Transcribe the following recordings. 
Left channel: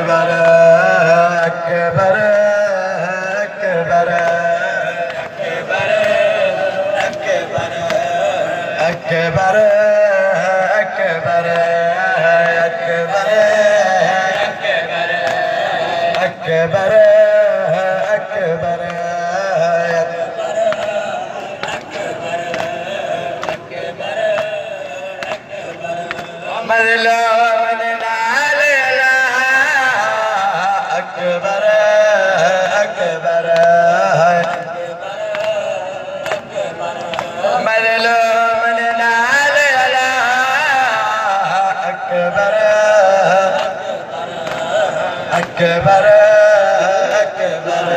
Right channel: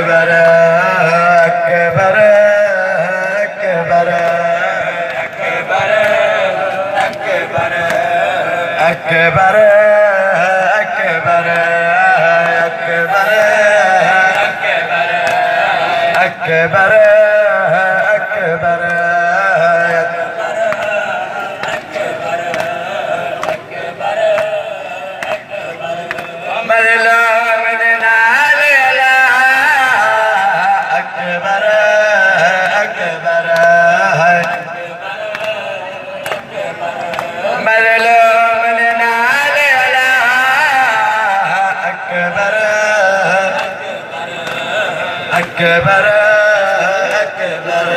अकबर अकबर अकबर अकबर अकबर अकबर अकबर अकबर अकबर अकबर मरला मन नाल अला अकबर अकबर मरला मन नाल अला अकबर अकबर अकबर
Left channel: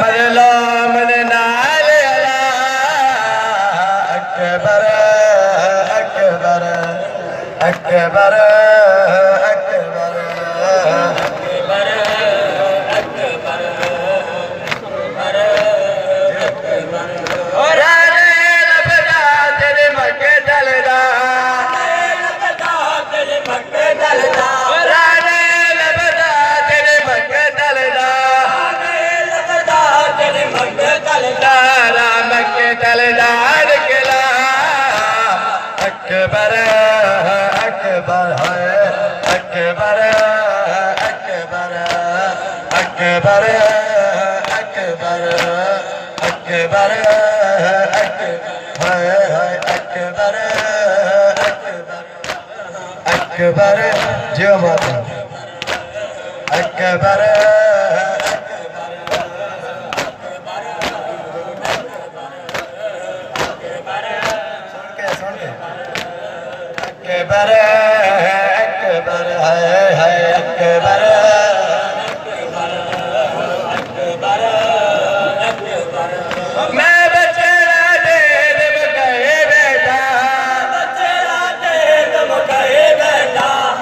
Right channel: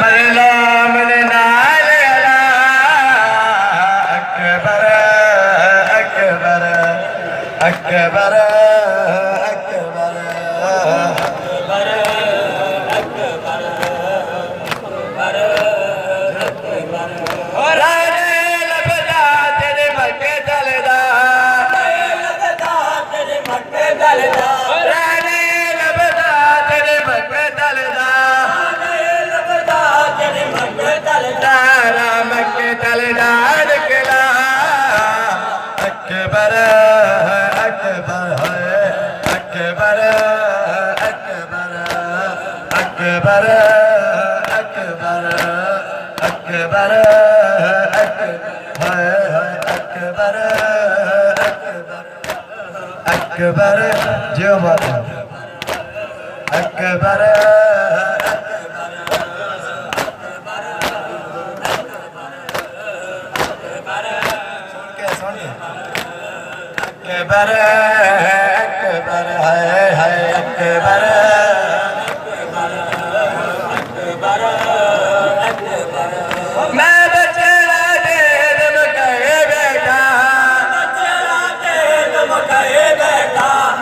मरला मन नाल अला अकबर अकबर अकबर अकबर राने लबदा तेरे मक्के दलदा राने लबदा तेरे मक्के दलदा मक्के दलदा अड़कला अकबर अकबर अकबर अकबर अकबर अकबर अकबर अकबर अकबर जो माता अकबर अकबर अकबर है अकबर मैं बचड़ा दे दम कहे बेटा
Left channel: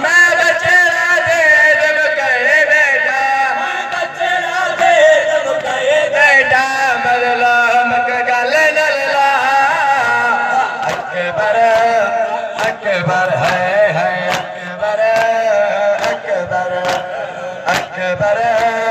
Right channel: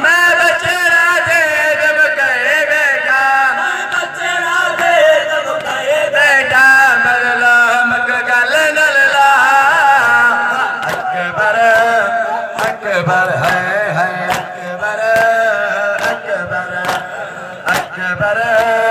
मैं बचड़ा दे दम कहे बेटा बेटा मरला मक गल नलला अकबर अकबर है अकबर अकबर अकबर